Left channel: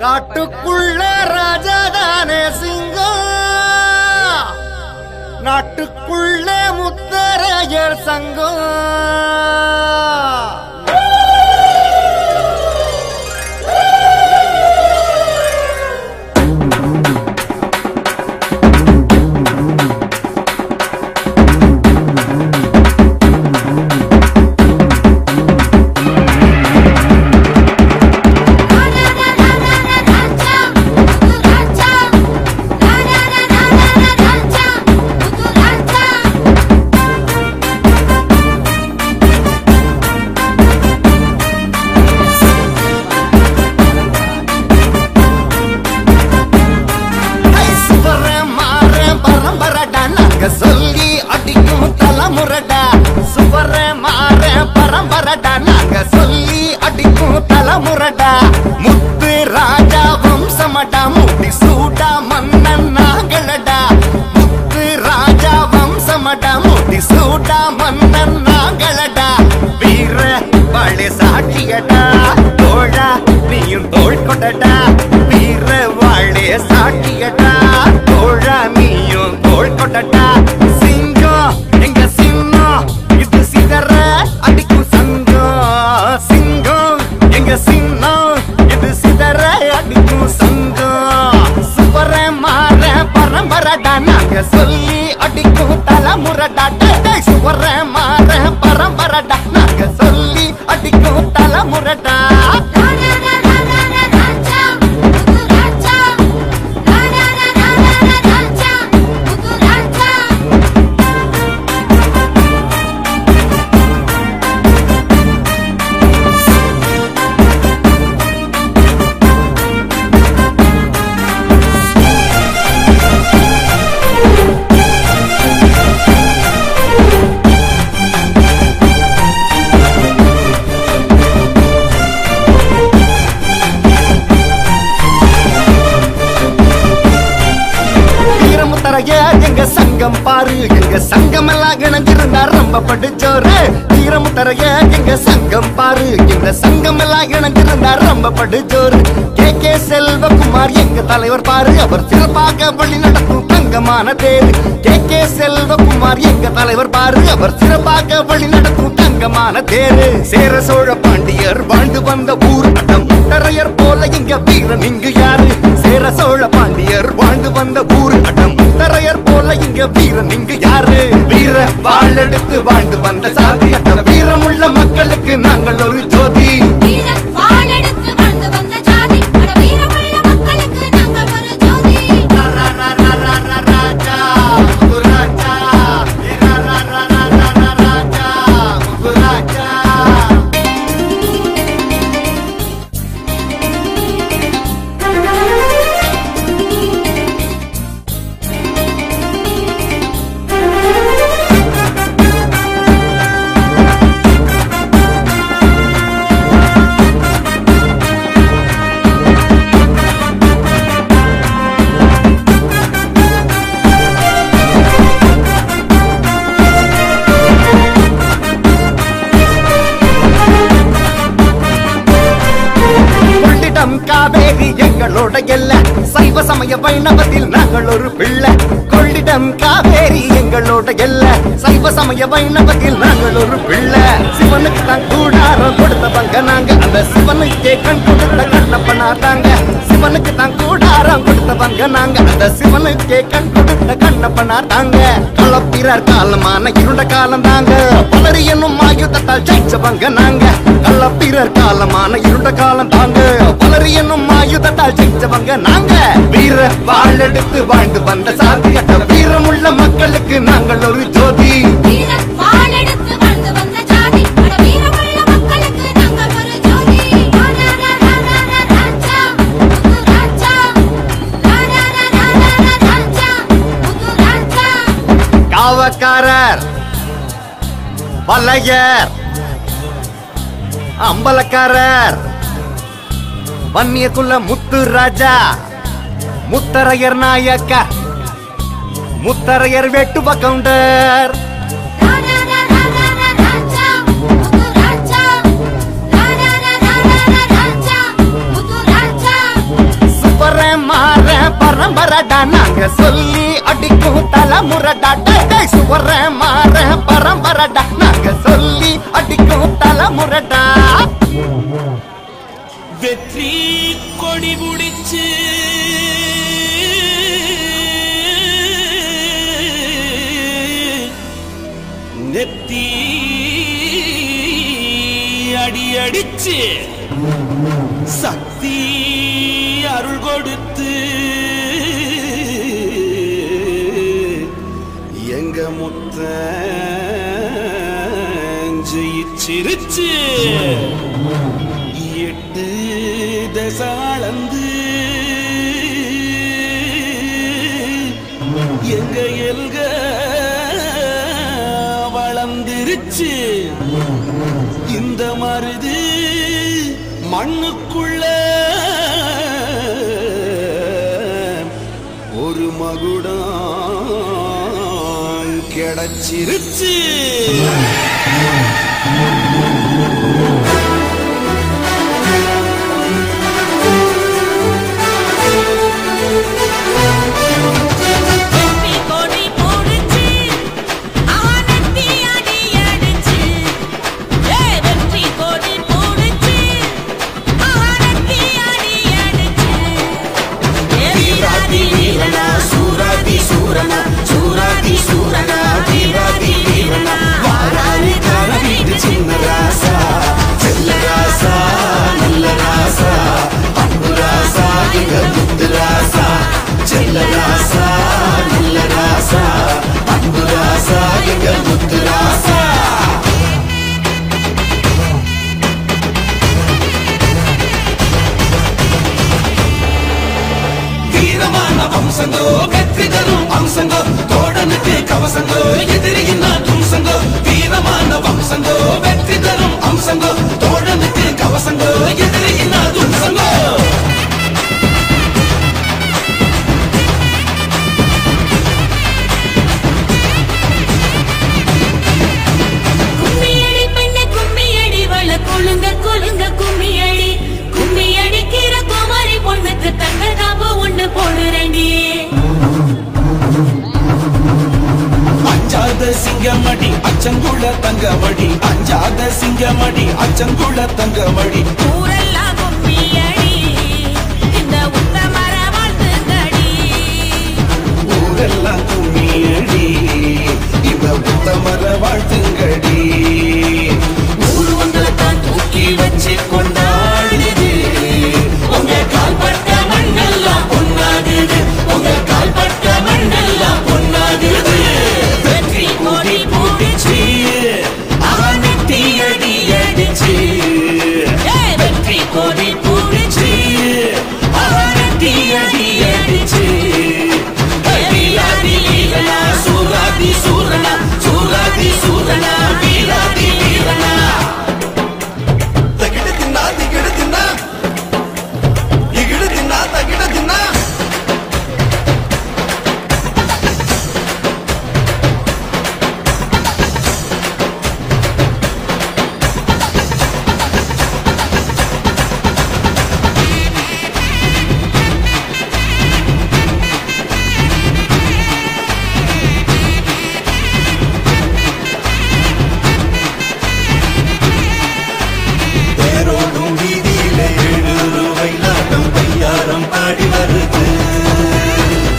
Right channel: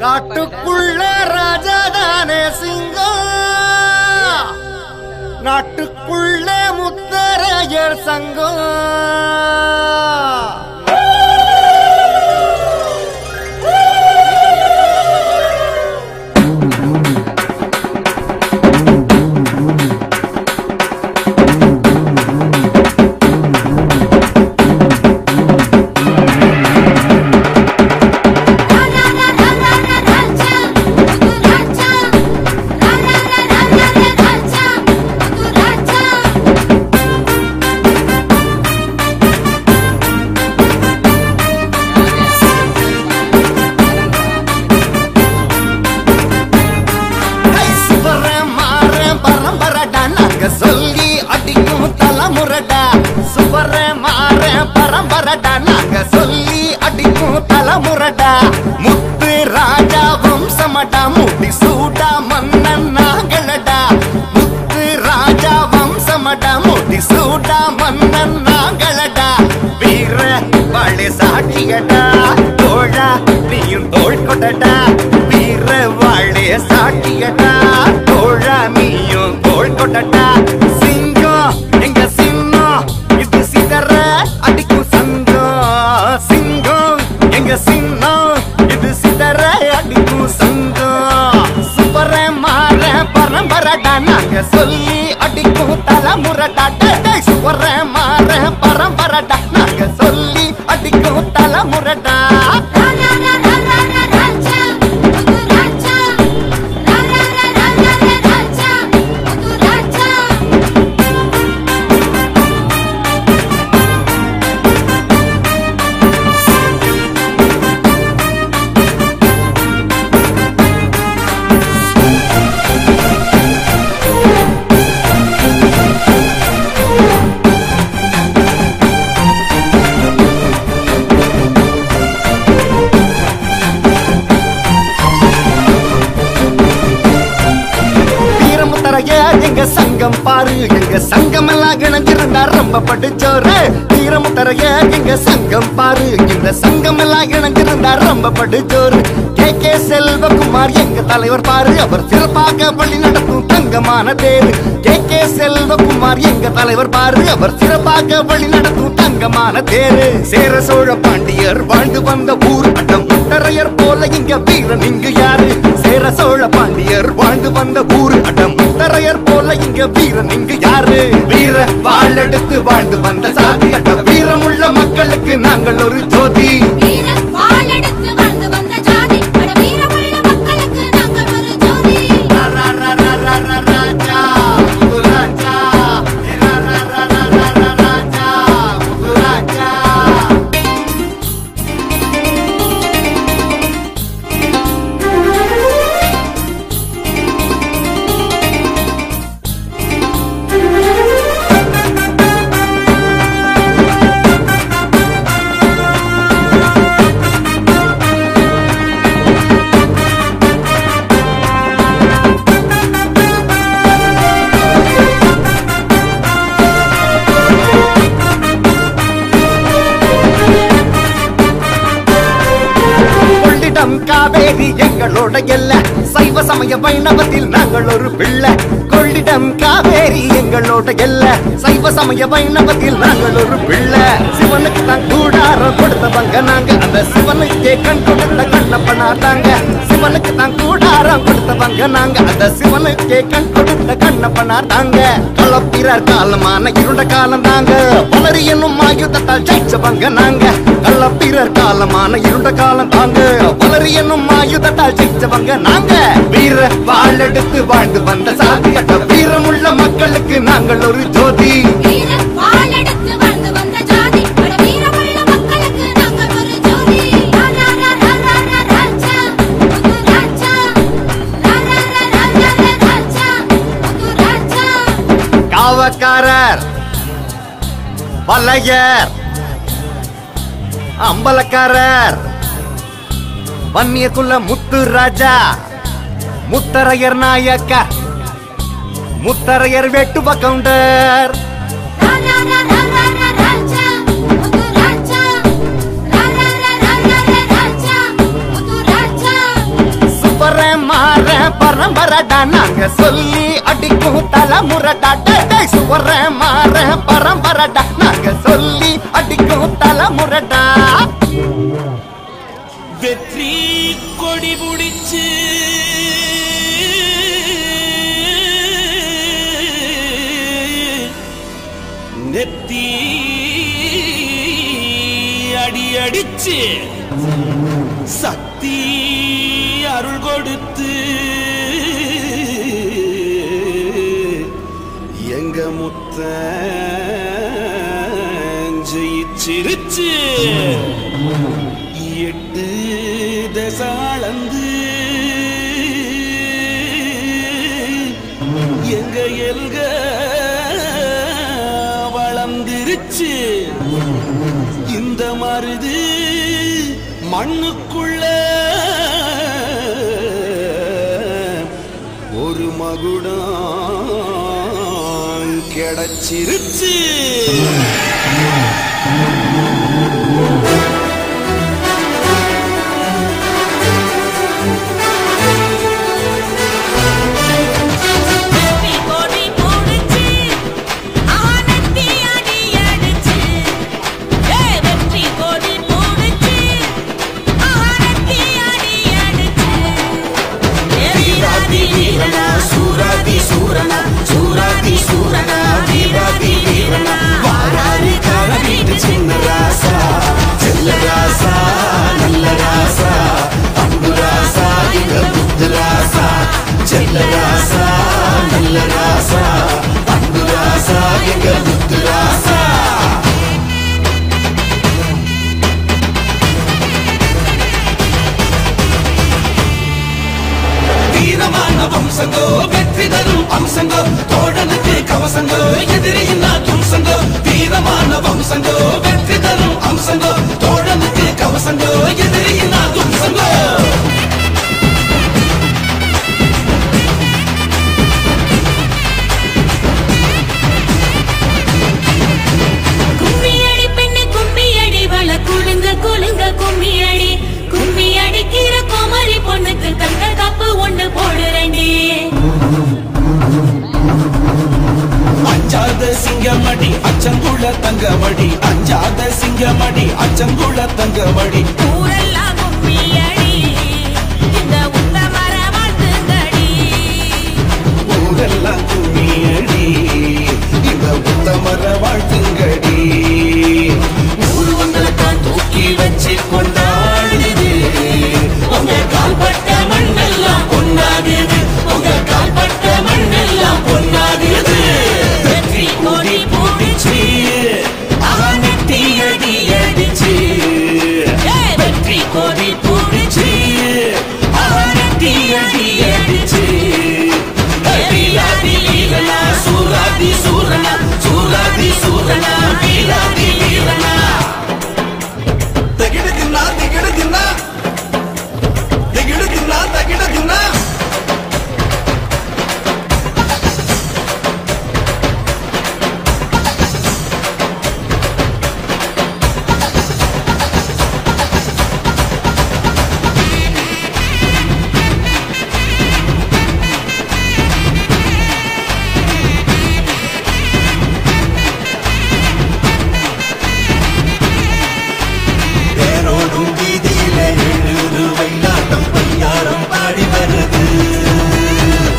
காட்டுக்குள்ள ராஜாதானே சிங்கம், நாட்டுக்குள்ள முத்தரையர் சங்கம். சொல்லி அடிக்கும் தலைமுறடா, சுவர மாற பரம்பரடா, நாங்க சொல்லி அடிக்கும் தலைமுறடா. முத்து ராஜா வம்சமடா, முடி சூடா மன்னன் நாங்களடா. முத்து ராஜா வம்சமடா, முடி சூடா மன்னன் நாங்களடா. வீர வாழை சாட்சியடா, தோழா நீயும் தோள் கொடடா. வீர வாழை சாட்சியடா, தோழா நீயும் தோள் கொடடா. சிங்கம் எங்க சின்னம், இது சிதற அடிக்கும் சங்கம். சிங்கம் எங்க சின்னம், இது சிதற அடிக்கும் சங்கம். சுவர மாற பரம்பரடா, நாங்க சொல்லி அடிக்கும் தலைமுறடா. சுவர மாற பரம்பரடா, நாங்க சொல்லி அடிக்கும் தலைமுறடா. எங்க சங்கம் பாரு, எங்க சங்கம் எல்லாம் இணைஞ்சிருந்தா ரொம்ப படுச்சோரு. வீரமுத்தரைய எங்க சங்கம் பாரு, இந்த சங்கம் எல்லாம் இணைஞ்சிருந்தா ரொம்ப படுச்சோரு. கே செல்வகுமார் எங்க தலைவர் பாரு, அவர் சிறப்பாக வழி நடத்தும் தங்கமான தேரு. கே செல்வகுமார் எங்க தலைவர் பாரு, அவர் சிறப்பாக வழி நடத்தும் தங்கமான தேரு. சேர சோழ பாண்டியர் வாழ்ந்து வந்த ஊர் அடம் முத்தரையர் போல இங்க வீரன் இங்கு யாரு. சேர சோழ பாண்டியர் வாழ்ந்து வந்த ஊர் அடம் முத்தரையர் போல இங்க வீரன் இங்கு யாரு. வீர வாழெடுத்து வாழ்ந்து வந்த சாதி அட்ட வீரமுள்ள மக்களுக்கு நாங்கள் ஒரு ஜோதி. காவேரி எங்களோட எல்ல, சைவ சமய வைணவத்தில் நாங்கள் ஒரு பிள்ளை. கொள்ளிடம் காவேரி எங்களோட எல்ல, சைவ சமய வைணவத்தில் நாங்கள் ஒரு பிள்ளை. சிவனுக்கு தான் கூடாரம் கொடுத்தவங்க நாங்க, அந்த சிவனுக்கே கண் கொடுத்த கண்ணப்பனா தாங்க. சிவனுக்கு தான் கூடாரம் கொடுத்தவங்க நாங்க, அந்த சிவனுக்கே கண் கொடுத்த கண்ணப்பனா தாங்க. களப்பிரர் காலமான இருண்ட காலம் தாங்க, பலரி என்னும் ஆயுதத்தால் ஜெயிச்சவங்க நாங்க. களப்பிரர் காலமான இருண்ட காலம் தாங்க, பலரி என்னும் ஆயுதத்தால் ஜெயிச்சவங்க நாங்க. வீர வாழெடுத்து வாழ்ந்து வந்த சாதி அட்ட வீரமுள்ள மக்களுக்கு நாங்கள் ஒரு ஜோதி. காவக்காரர், வலையர், அம்பலக்காரர், வன்னியக்குள்ள முத்து ராஜா, முத்தரையர் நாயக்கர், முத்தரையர் வெட்டுவ கவுண்டர். பரம்பரடா நாங்க சொல்லி அடிக்கும் தலைமுறடா சுவர மாற பரம்பரடா நாங்க சொல்லி அடிக்கும் தலைமுறடா வெற்றி கொடி புடிச்சு நெத்தி அடி அடிச்சு சக்தி அருள் கொடுத்து எங்க முத்த ஜெயிச்சிருச்சு எட்டு தசாளந்து எங்க எல்க வளர்ந்துருச்சு இந்த மருது மண்ணுக்குள்ள ஒரு மகுடம் கிடைச்சிருச்சு சூராதி சூரனா சூராதி சூரனா வீராதி வீரனா வாராரி கார வீட்டு சின்ன ராசா செல்ல ராசா நல்ல ராசா அன்பு ராசா எங்க முத்து ராசா செல்ல ராசா நல்ல ராசா அன்பு ராசா எங்க முத்து ராசா வீரமான வம்சங்கோ வெற்றி தரும் அம்சங்கோ தோழனுக்கு கவசங்கோ எதிரியின் தும்சங்கோ வீரமான வம்சங்கோ வெற்றி தரும் அம்சங்கோ தோழனுக்கு கவசங்கோ எதிரியின் தும்சங்கோ கும்மியடி பெண்ணு கும்மியடி வள குழுங்க குழுங்க கும்மியடி கும்மி அடிக்கிற குமரி பொண்ணுக்கு தங்க காப்பு ஒண்ணு போடுறண்டி அஞ்சாத சிங்கமடி அச்சங்குள தங்கமடி அஞ்சாத சிங்கமடி அச்சங்குள தங்கமடி ஊரெல்லாம் கும்மியடி இந்த உத்தமர வாழ்த்துங்கடி ஊரெல்லாம் கும்மியடி இந்த உத்தமர வாழ்த்துங்கடி உருவங்களைத்தான் தூக்கி வச்சு கொண்டாடுது உங்க கால்பட்ட மண்ணெல்லாம் பொன்னாகுது உங்க கால்பட்ட மண்ணெல்லாம் பொன்னாகுது வெற்றி கொடி பூடிச்சு அவனெட்டி அடி அடிச்சு வெற்றி கொடி பூடிச்சு அவனெட்டி அடி அடிச்சு வீராதி வீரனா சூராதி சூரனா சூராதி சூரனா வீராதி வீரனா தகிட தின்னா திகிட தின்னா திகிட தின்னா தகிட தின்னா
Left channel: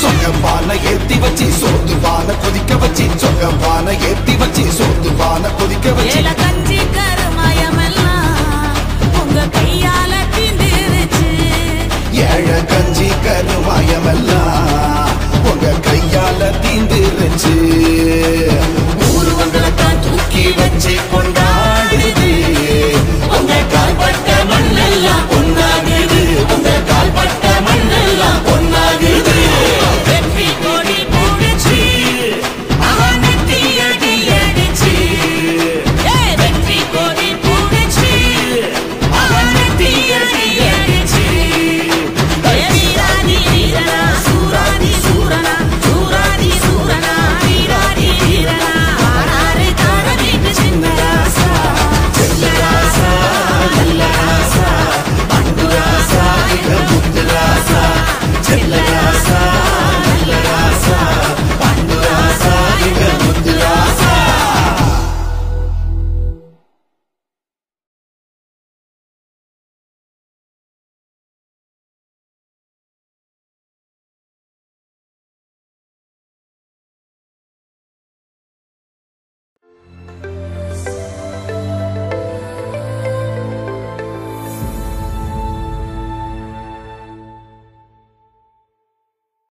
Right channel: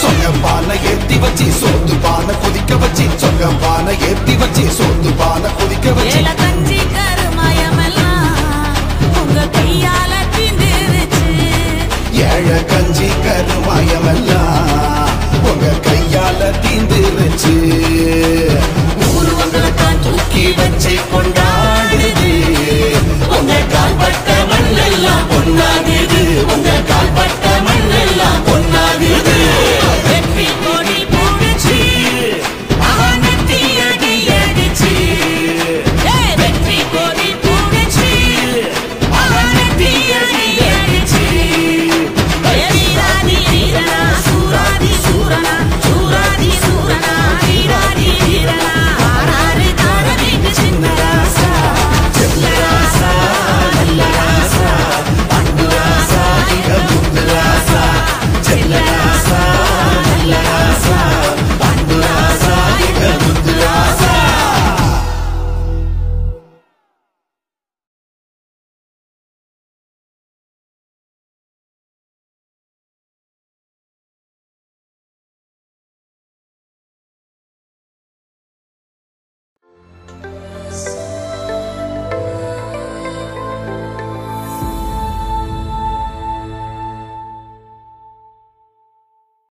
சொங்கப்பான ஏத்தி வச்சு சோத்து பானை கொதிக்க வச்சு சொங்கப்பான ஏத்தி வச்சு சோத்து பானை கொதிக்க வச்சு ஏல கஞ்சி கருமயமெல்லாம் உங்க கையால தீந்துருச்சு ஏழ கஞ்சி கருமாயமெல்லாம் உங்க கையால தீந்துருச்சு ஊருவங்களைத்தான் தூக்கி வச்சு கொண்டாடுது உங்க கால்பட்ட மண்ணெல்லாம் பொன்னாகுது உங்க கால்பட்ட